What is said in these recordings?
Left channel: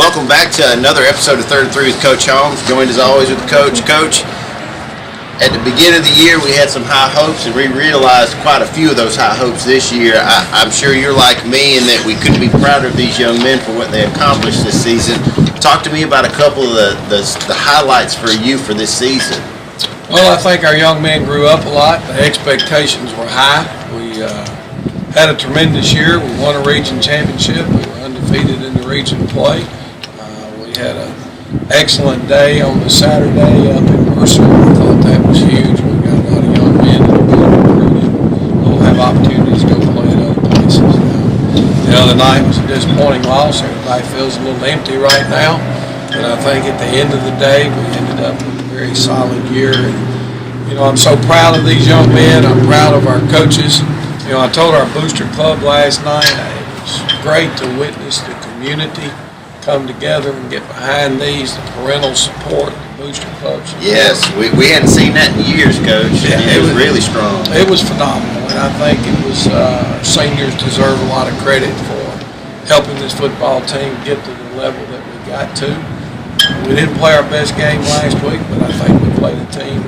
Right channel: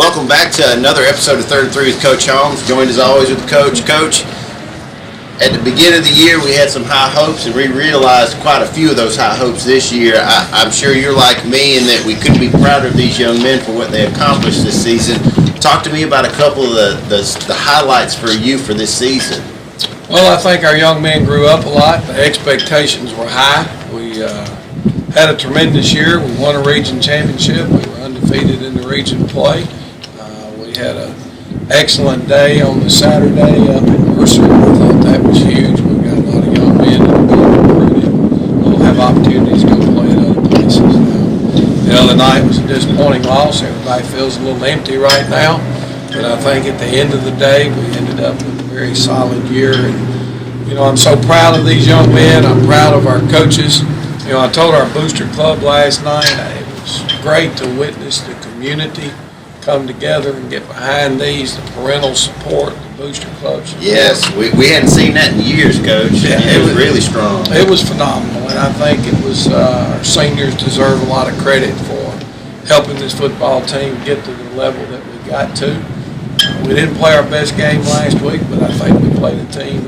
Welcome back to another episode of Third and Three with Coach Holmes, joined as always with the Coach. Coach, at the beginning of the year we had some high hopes, and we realized quite a few of those high hopes this year. I'm sure you're like me in that we couldn't be prouder of these young men for what they accomplished this season. Talk to me about a couple of the highlights for you for this season. Well, I think our young men grew up a lot. The expectations were high. We had a tremendous year. We won a region championship. We were undefeated in the region play. We had an excellent day on the Saturday up in Mercer. I thought that was huge. We've got a lot of young men that are being recruited. They'll have opportunities to go play at other places now. The other night was a disappointing loss. Everybody feels a little empty right now. But I think at the end of the day, we ended up with a very solid year. And, I'm so proud of these young men. I'm proud of our coaches. I told our booster club last night, it was great to witness the community come together and get behind these, the parental support, the booster clubs. Yes, we hadn't seen that in years, Coach. Yeah, it was really strong. It was phenomenal, and I think it was our seniors deserve a lot of credit for helping this football team get to the level that we got to. We didn't play our best game last week, but I think we played a team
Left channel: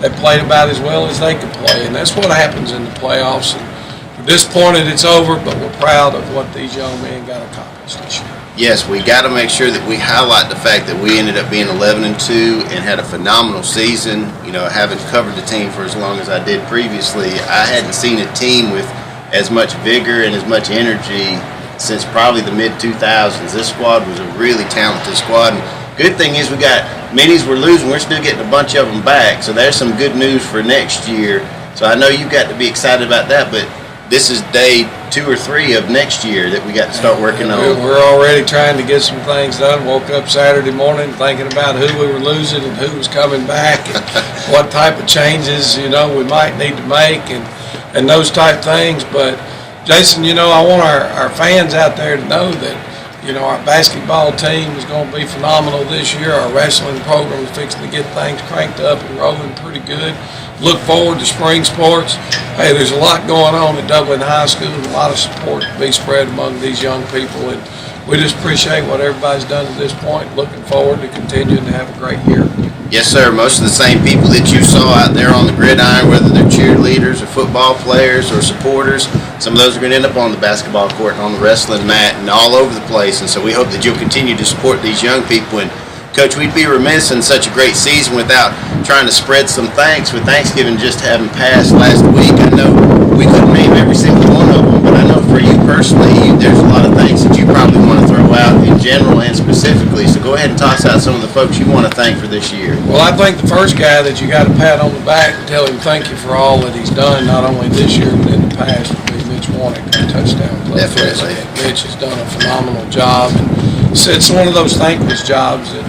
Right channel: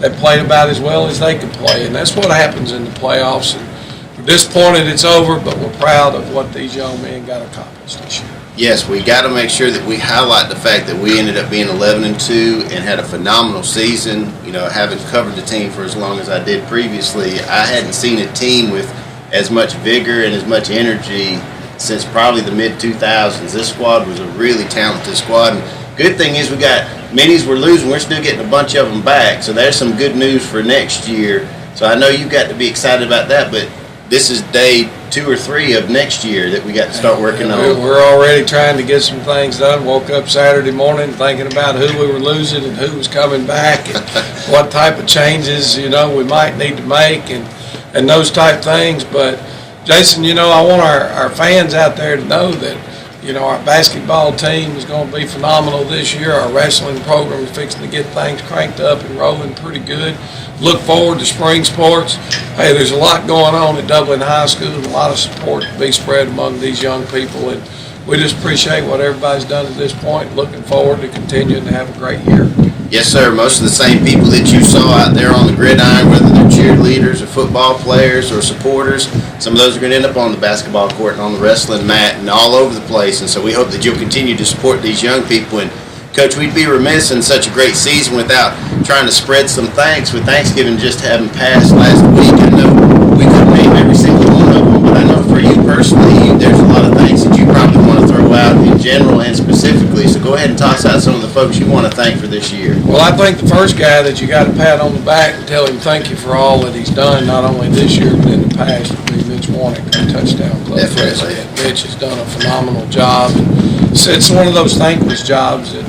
that played about as well as they could play, and that's what happens in the playoffs. And we're disappointed it's over, but we're proud of what these young men got accomplished this year. Yes, we got to make sure that we highlight the fact that we ended up being 11-2 and had a phenomenal season. Having covered the team for as long as I did previously, I hadn't seen a team with as much vigor and as much energy since probably the mid-2000s. This squad was a really talented squad. And good thing is we got minis we're losing. We're still getting a bunch of them back, so there's some good news for next year. So I know you've got to be excited about that, but this is day 2 or 3 of next year that we got to start working on. We're already trying to get some things done. Woke up Saturday morning thinking about who we were losing and who was coming back and what type of changes, we might need to make and those type things. But, Jason, I want our fans out there to know that, our basketball team is going to be phenomenal this year. Our wrestling program is fixing to get things cranked up and rolling pretty good. Look forward to spring sports. Hey, there's a lot going on at Dublin High School and a lot of support to be spread among these young people. And we just appreciate what everybody's done at this point. Looking forward to continuing to have a great year. Yes, sir. Most of the same people that you saw out there on the gridiron, whether they're cheerleaders or football players or supporters, some of those are going to end up on the basketball court and on the wrestling mat and all over the place. And so we hope that you'll continue to support these young people. And, Coach, we'd be remiss in such a great season without trying to spread some thanks with Thanksgiving just having passed last week. I know we couldn't name every single one of them, but I know for you personally, there's a lot of thanks that you probably want to throw out in general and specifically. So go ahead and toss out some of the folks you want to thank for this year. Well, I think the first guy that you got to pat on the back and tell him thank you for all that he's done, not only this year but in the past, would be Mitch Warnick, our touchdown player. Definitely. Mitch has done a phenomenal job, and it's one of those thankless jobs that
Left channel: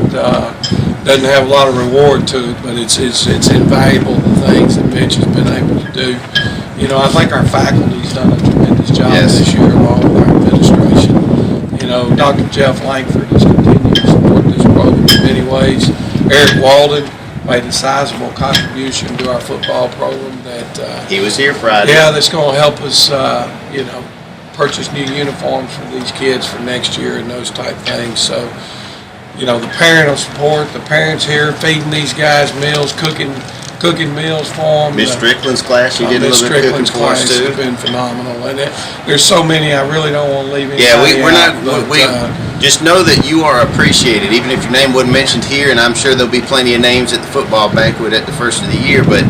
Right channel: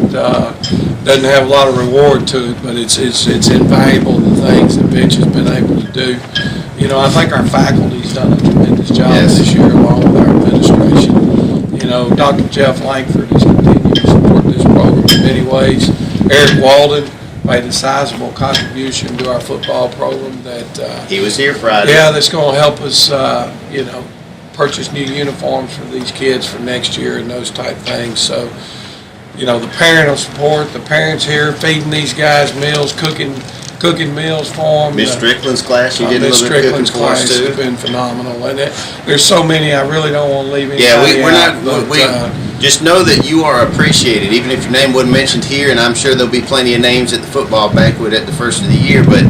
doesn't have a lot of reward to it, but it's invaluable, the things that Mitch has been able to do. I think our faculty's done a tremendous job this year, along with our administration. Dr. Jeff Langford has continued to support this program in many ways. Eric Walden made a sizable contribution to our football program that he was here Friday. Yeah, that's going to help us, purchase new uniforms for these kids for next year and those type things. So, the parental support, the parents here feeding these guys meals, cooking meals for them. Miss Strickland's class, she did a little bit of cooking for us too. Has been phenomenal, and there's so many. I really don't want to leave anybody out. Just know that you are appreciated, even if your name wasn't mentioned here. And I'm sure there'll be plenty of names at the football banquet at the first of the year. But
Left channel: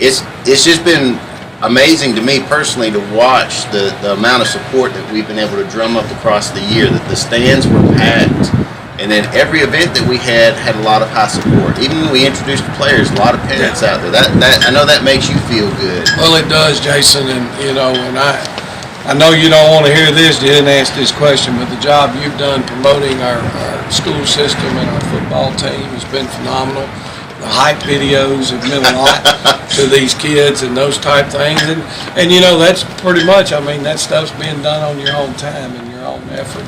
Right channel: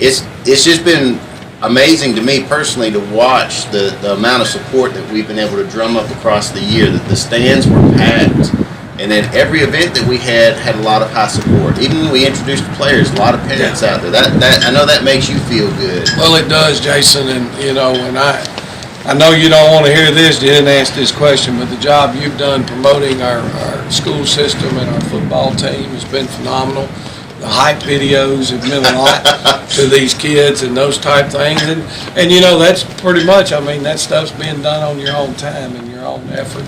it's just been amazing to me personally to watch the amount of support that we've been able to drum up across the year. That the stands were packed. And then every event that we had a lot of high support. Even when we introduced the players, a lot of parents out there. That I know that makes you feel good. Well, it does, Jason. And and I know you don't want to hear this. You didn't ask this question, but the job you've done promoting our school system and our football team has been phenomenal. The hype videos have meant a lot to these kids and those type things. And that's pretty much. That stuff's being done on your own time and your own effort.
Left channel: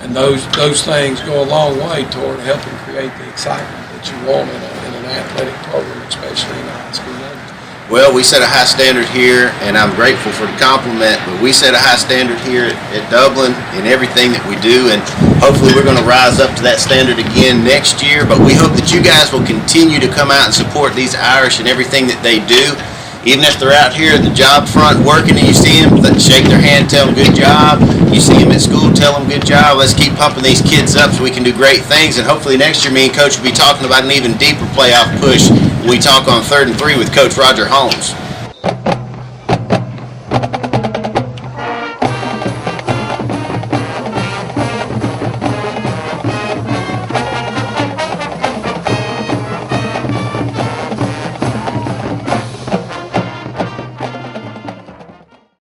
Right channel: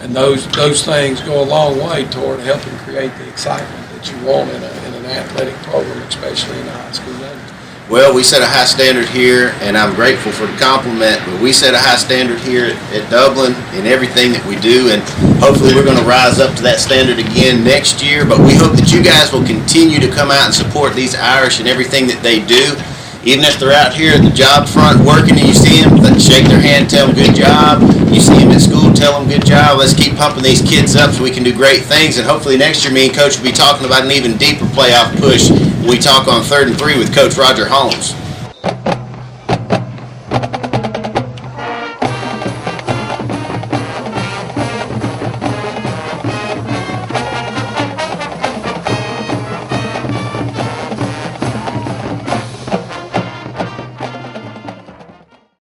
And those things go a long way toward helping create the excitement that you want in an athletic program, especially in the high school level. Well, we set a high standard here, and I'm grateful for the compliment, but we set a high standard here at Dublin in everything that we do, and hopefully we're going to rise up to that standard again next year. But we hope that you guys will continue to come out and support these Irish and everything that they do. Even if they're out here at the job front working and you see them, shake their hand, tell them good job. You see them at school, tell them good job. Let's keep pumping these kids up so we can do great things. And hopefully next year me and Coach will be talking about an even deeper playoff push when we talk on 3rd and 3 with Coach Roger Holmes.